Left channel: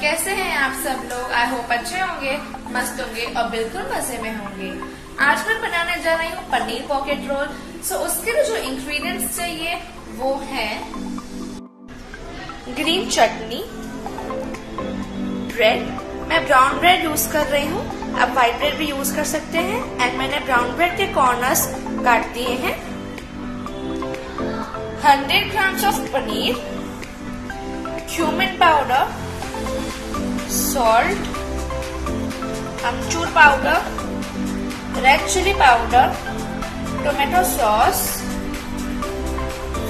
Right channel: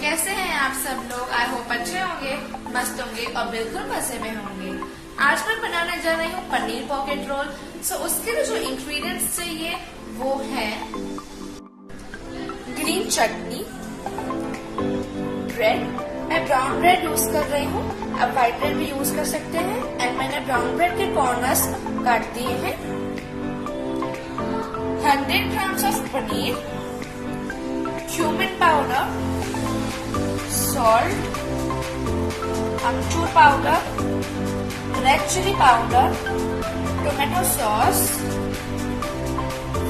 कैसे हैं आप सब लोग। आई होप अच्छे होंगे, मस्त होंगे और बिल्कुल मजे में होंगे। आज मैं बनाने जा रही हूँ पनीर पॉकेट रोल। सो उसके लिए जो इंग्रेडिएंट्स चाहिए वो है ग्रीन चटनी, ब्रेड, मैं ब्राउन ब्रेड यूज कर रही हूँ, आप व्हाइट ब्रेड भी यूज कर सकते हैं। एंड मैंने ब्राउन ब्रेड के कॉर्नर्स काट दिए हैं। 100 grams of paneer, cumin powder, salt, amchur powder, red chilli powder, tomato sauce,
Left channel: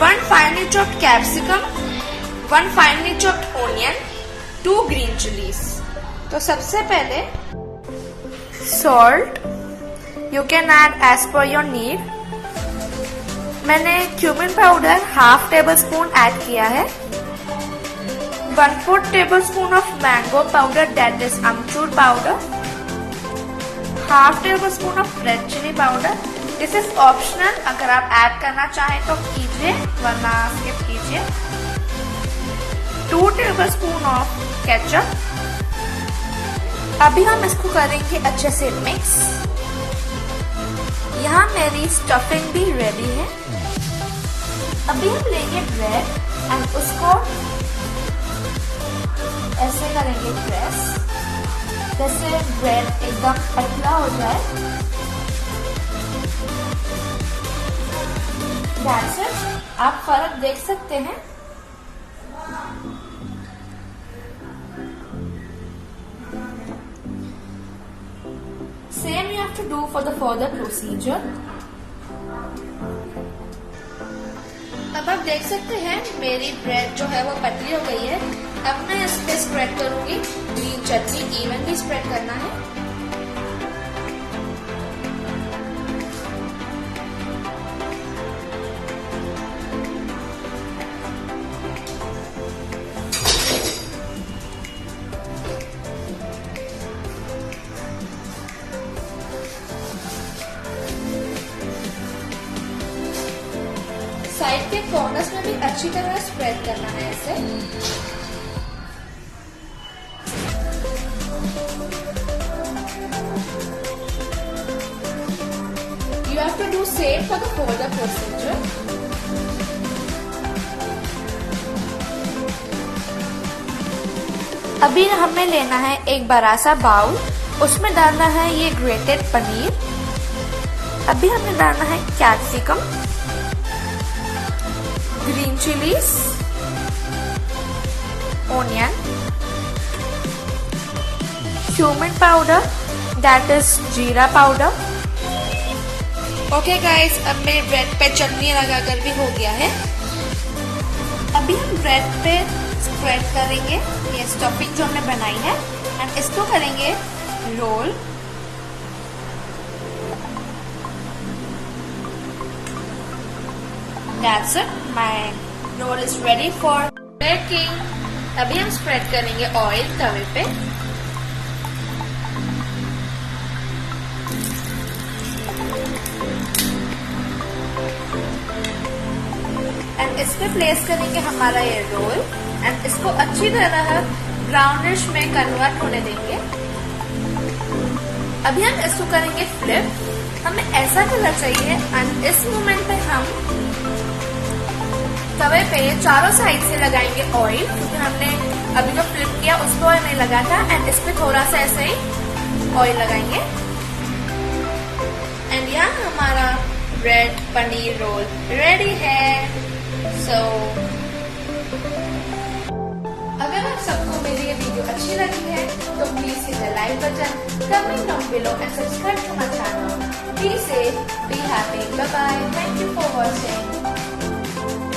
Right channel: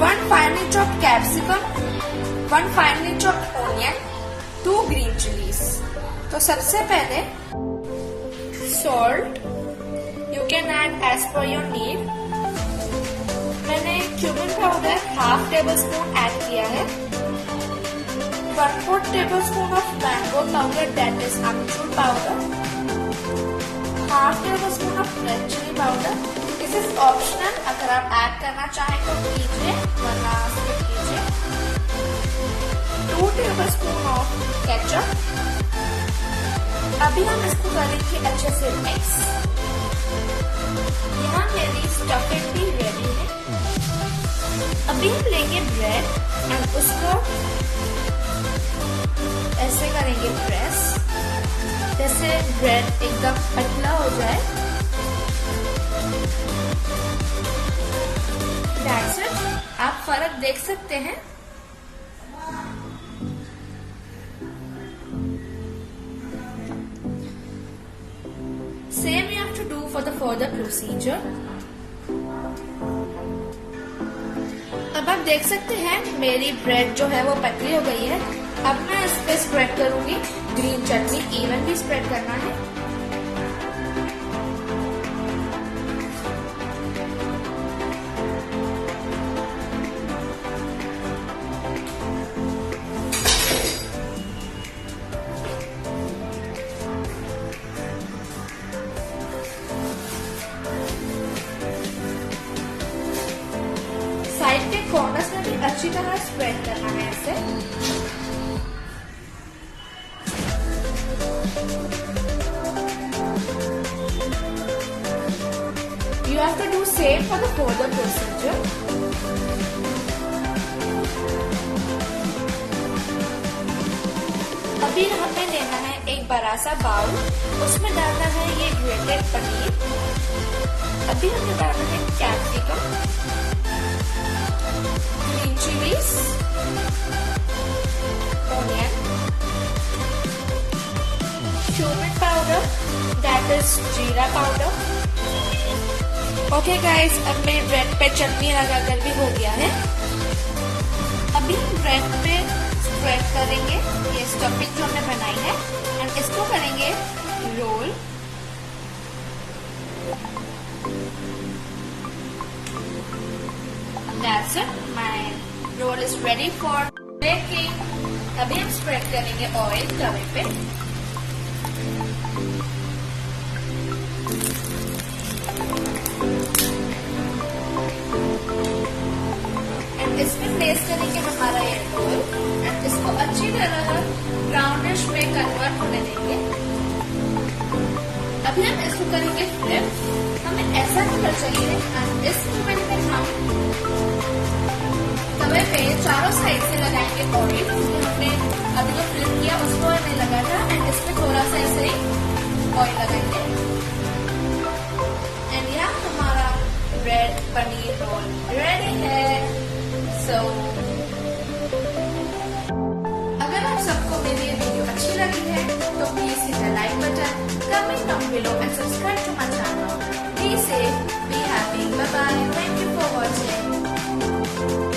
1 finely chopped capsicum, 1 finely chopped onion, 2 green chillies। तो सबसे पहले salt, you can add as per your need। मैंने cumin powder half table spoon add किया है। 1/4 tablespoon of mango powder, that is amchur powder, half tablespoon of red chilli powder। This is optional, अगर आप add करना चाहें तो कीजिए वरना स्किप कीजिए। 2 tablespoon of ketchup। अभी हम इसको करेंगे अच्छे से मिक्स। यहाँ मेरी स्टफिंग भी रेडी है। अभी हम लेंगे ब्रेड एंड उसको ऐसे करेंगे प्रेस, जैसे ब्रेड एकदम पतला हो जाए। That's it। आप फर्क देख सकते हैं। Same you have to do for the further procedure। अब आप देख सकते हैं मेरी ब्रेड जो है वो पतली हो गई है। अब मैं इस पे स्प्रेड करूंगी ग्रीन चटनी, इवनली स्प्रेड करना है। साइड के कॉर्नर्स में भी अच्छी तरह स्प्रेड करना है ऐसे। You have to do same for the further procedure। अभी हमें लेना है एक बड़ा सा बाउल, उसमें डालना है ये ग्रेटेड पनीर। अभी हमें डालना है capsicum, green chillies, onion, cumin powder, that is जीरा पाउडर। ओके गाइस, अब मेरे ब्रेड पे चटनी लगाकर भी हो गया है। अभी हम ब्रेड पे स्प्रेड करेंगे ये स्टफिंग जो हमने बनाई है एंड इसको करेंगे role. That's it, my roll is ready for baking। अभी हम स्प्रेड करेंगे ऑयल तवे पे। एंड इस पे प्लेस करेंगे हमारा ये रोल एंड इसको अच्छी तरह ब्राउनिश में कन्वर्ट होने देंगे। अभी हम इसको करेंगे फ्लिप। हमें ऐसा कलर चाहिए एंड इस मोमेंट पे हम तवे पे चारों साइड से लगाएंगे ऑयल, क्योंकि हमने अभी जो फ्लिप किया उसको ऑयल नहीं लगा था। एंड इस पे थोड़ा सा ऐसे ही ऑयल लगाएंगे एंड यहाँ हमारा ब्रेड पनीर रोल रेडी है। सो अगर आप सबको मेरी ये वीडियो अच्छी लगी है तो please hit the like button, comment down below and subscribe to my channel. Be safe, be happy, bye bye, thank you for watching.